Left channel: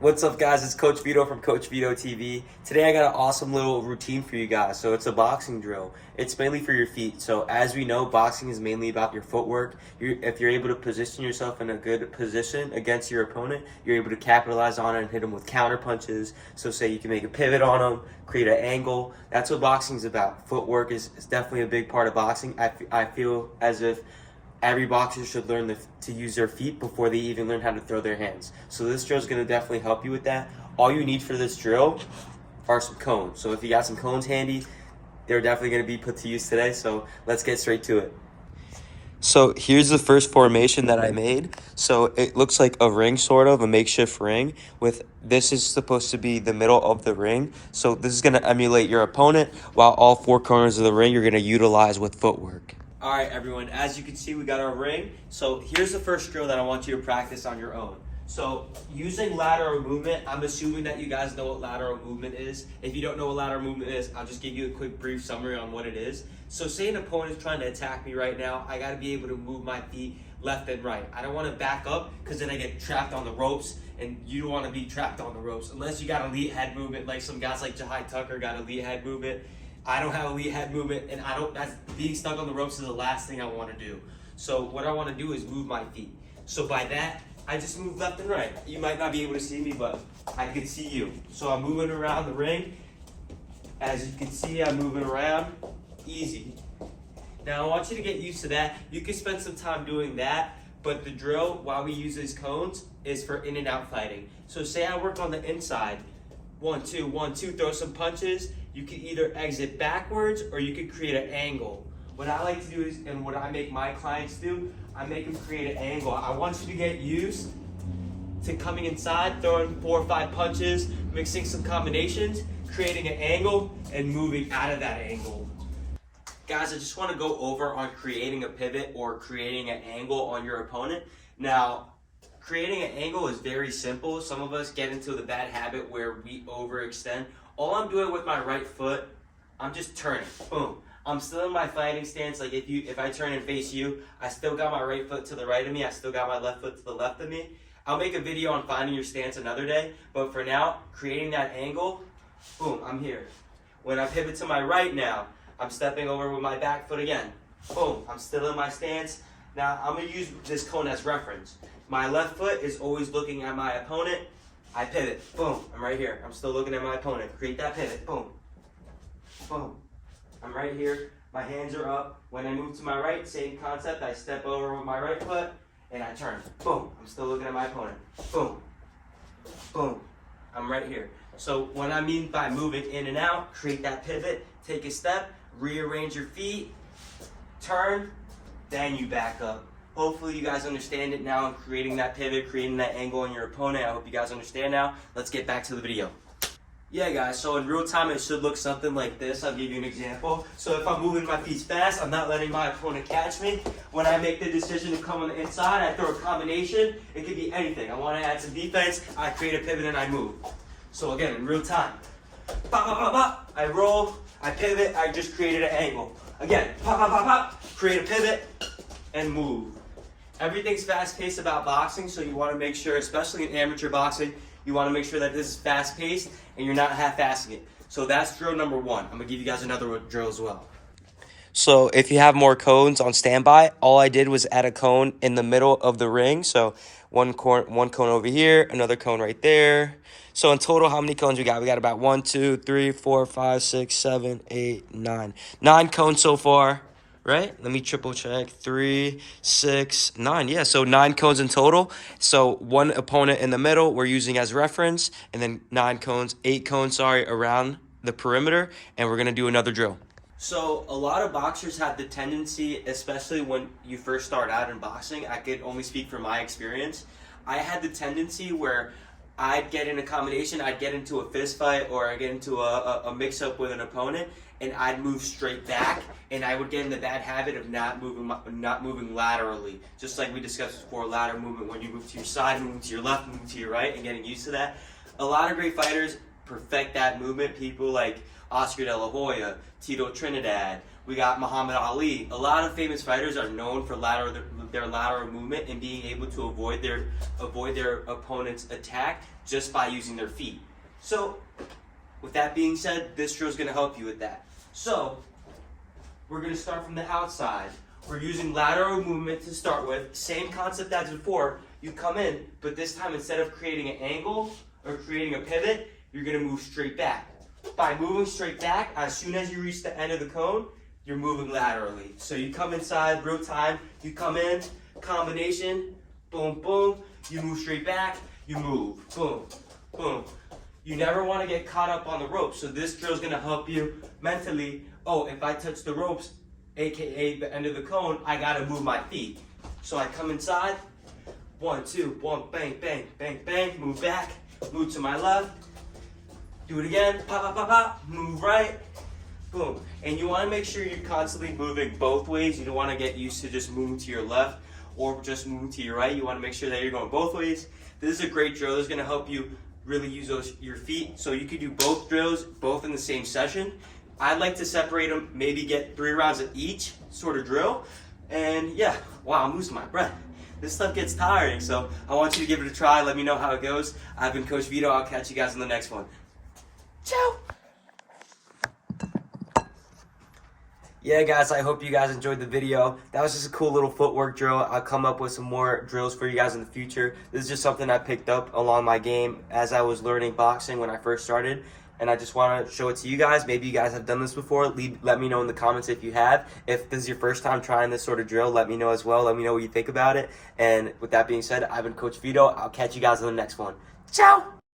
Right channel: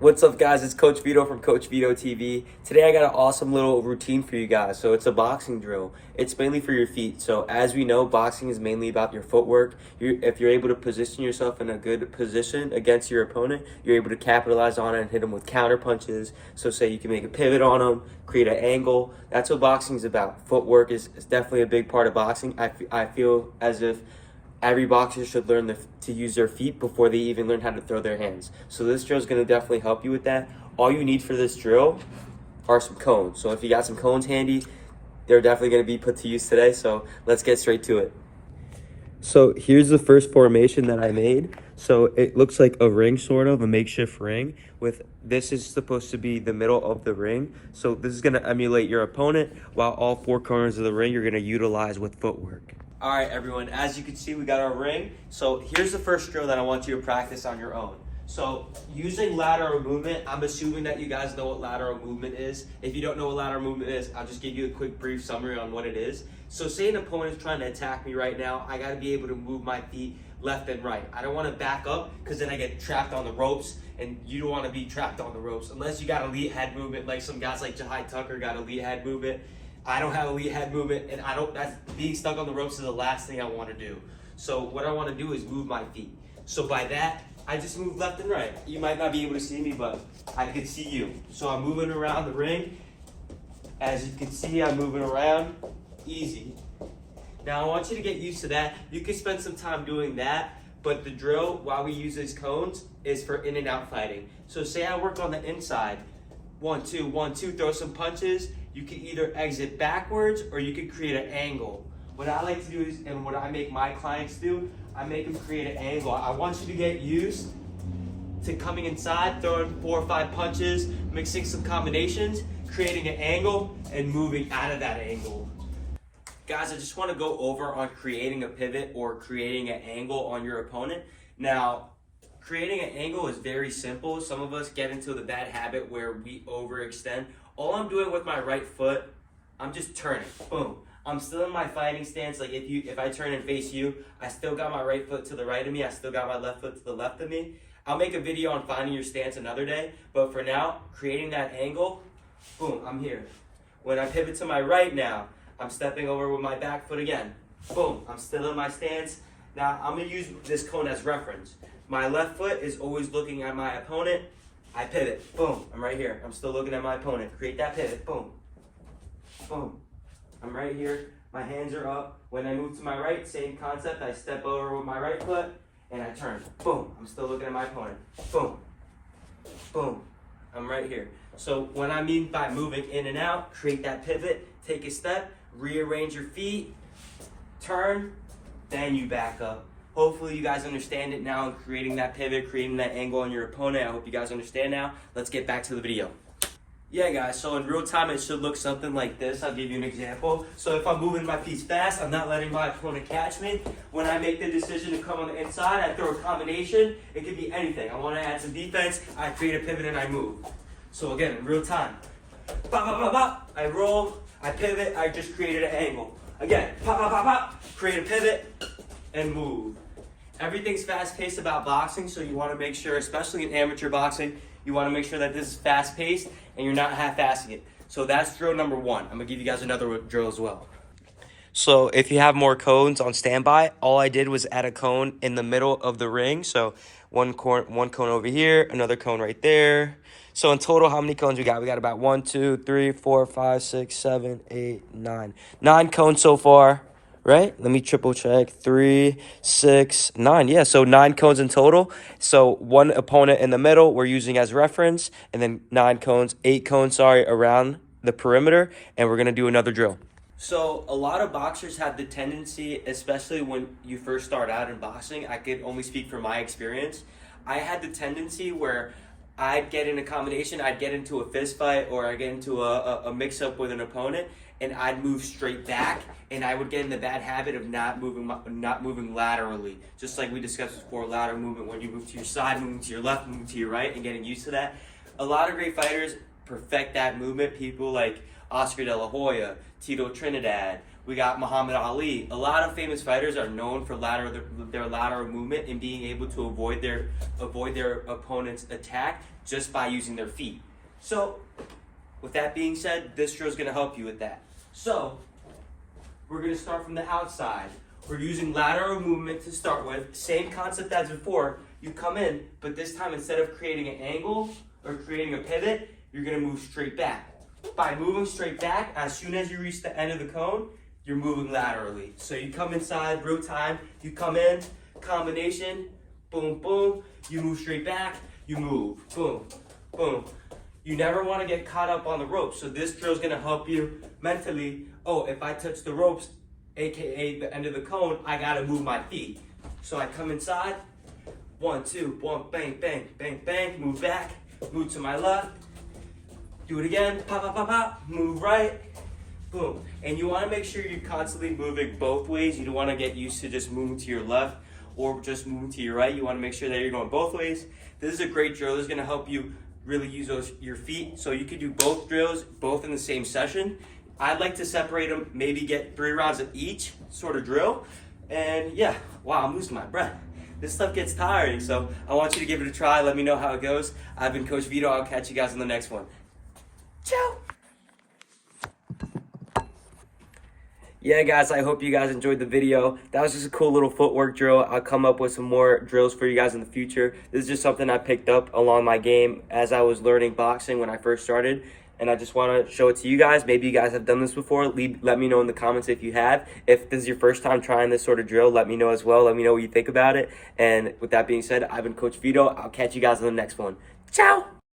What's up, guys? It's Coach Vito from Coach Vito TV. Today I got an awesome little routine for you guys. So it's a boxing drill. It's mainly for your feet. So as we know, boxing is mainly about your footwork. If you're able to position yourself in a good position against your opponent, you're able to capitalize on it and hit them with counter punches. So say you can make a pivot on them, create an angle. That's what boxing is about. Footwork is definitely a big part of boxing. I feel as if every boxer should learn to use their feet before they even learn how to throw their hands. So this drill is going to definitely help you with that. All you need for this drill are some cones. So if you got some cones handy, they're definitely going to be put to use today. So let's get straight to it. So here's the first formation that I made. So it looks like a ring, sort of a makeshift ring. With this is supposed to be the middle of the ring. So this is going to emulate your opponent, while all four corners of the ring you're going to utilize with footwork. All right, everyone, as you can see, we got our ring. So here's the first drill that I want you to practice on your own. So using lateral movement, I'm assuming that you guys know what lateral movement is. If you don't know what lateral movement is, I'll just give you a quick brief summary on what it is. So say an opponent's trying to attack me right now, I gotta be able to move my feet left and right. I don't wanna back up because then I get trapped on the ropes, and you don't wanna be trapped on the ropes unless you got elite head movement, like some guys like Jahai Tucker got elite head movement. I don't have elite head movement, and that's being stuck on the ropes is the last thing I want to do. So what I want to do is move my feet. So by that, I just move left and right. You might not be able to see me, but I can see you. So I'm moving around the ring. As you can see, I'm moving around. Easy. Now I want you to get used to that. You can spend some time doing that, but the drill, while we use these cones, is for in and out fighting. So say I work on the inside. 1, 2, 1, 2, throw some punches. You can either exit backwards or you can create an angle. What I like to do is, and what I make my clients do, I make them create an angle. I want you to get used to coming inside, throwing 4 or 5 punches, mixing some combinations, creating an angle, and moving out of that angle. Guys, I just want to go over on creating a pivot or creating an angle on your opponent. Now, creating an angle is very simple. Some of us get into the bad habit where we overextend. All I'm doing with my right foot, I'm just turning, boom. I'm still in my fighting stance. Like if I turn and face you, I still got my right foot to the right of me. I still got my left foot to the left of me. I'll make a video on finding your stance another day. But for now, creating that angle, boom, I'm here. When I pivot to my right now, I'm stepping over with my back foot again. Boom, I'm still in my stance. Now I'm gonna use this cone as reference. My left foot is always looking at my opponent. I pivot, boom, I'm right here. I'm still looking at my opponent. Create that pivot, boom, boom. I'm right here, my hands are up. When I move to my right, same concept. I step over with my right foot and I turn, boom. I'm still looking at my opponent, boom, boom. I'm right here. So when I mean by moving in and out, create that pivot, take a step, rearrange your feet, turn, then you back up. Hopefully you guys understand it now, creating that pivot, creating that angle on your opponent. I hope you guys understand now. Let's get back to the video. Yeah, guys, so in real time, it should look something like this. I'll give you an example. So if I'm moving my feet fast, I'm not letting my opponent catch me. When I make the decision to come on the inside, I throw a combination. It could be anything. I want to add some defense. I create a pivot and I move. So again, in real time, bop, bop, bop, bop. I roll, I pivot, I just created an angle. Again, pop, pop, pop, pop. Create a pivot and move. Everything's fast-paced about boxing, so you want to make sure, especially in amateur boxing, you want to make sure that this is fast-paced and you're not half-assing it. So that's drill number 1. I'm going to give you guys another drill as well. So if you have more cones on standby, all I did was add a cone in the middle of the ring. So one cone over here, another cone right there. So in total, how many cones we got? We got about 1, 2, 3, 4, 5, 6, 7, 8, 9. 9 cones so far. Right? Let me triple check. 3, 6, 9. Yeah, so 9 cones in total. So one opponent in the middle we're using as reference, and then 8 cones, around the perimeter, and we're going to do another drill. So a lot of boxers have the tendency, especially when you first start out in boxing, I could only speak from my experience, I had the tendency where I'd get in a combination, I'd get into a fist fight, or I'd get into a mix-up with an opponent, and I'd move straight back, and I would get in the bad habit of not moving laterally. Just like we discussed before, lateral movement, when you move to your side, moving to your left, moving to your right, and getting used to that. A lot of great fighters perfect that movement. People like Oscar De La Hoya, Tito Trinidad, We got Muhammad Ali. A lot of famous fighters are known for their lateral movement and being able to avoid their opponent's attack just by using their feet. So, with that being said, this drill is going to help you with that. So, we're going to start from the outside. We're using lateral movement to start with. Same concept as before. You come in, but this time instead of creating an angle or creating a pivot, you're going to move straight back. By moving straight back, as soon as you reach the end of the cone, you're moving laterally. So you come inside, real time, you come in, combination, boom, boom, you move straight back, you move, boom, boom. You never want to get caught up on the ropes. So this drill is going to help you mentally, oh, if I touch the ropes, AKA the end of the cone, I got to move my feet. So I come inside, 1, 2, 1, bang, bang, bang, bang, move back, move to my left, do it again, pop, pop, pop, pop, move right, boom. And you want to make sure you're constantly moving both ways. You don't want to get used to just moving to your left or just moving to your right. You want to make sure that you're going both ways. This is a great drill. This is going to help you really use your feet. So you could do both drills, both in the same session. I'd like to separate them, maybe get 3 rounds of each sort of drill. And yeah, wow, I'm losing my breath. This stuff gets tiring, so I want you to give it a try. Let me know how it goes. I've been Coach Vito. I'll catch you guys in the next one. Ciao. Yeah, guys, I hope you guys enjoyed the video. That was just a cool little footwork drill. I'll come up with some more drills for you guys in the future. This is just something I picked up along my game as I was learning boxing when I first started. And I just want to show it to you guys. Maybe you guys have done this before. Let me know in the comments if you have. If this is your first time trying this sort of drill, let me know as well. Let me know what you think about it. And with that being said, I've been Coach Vito. I'll catch you guys in the next one. Ciao!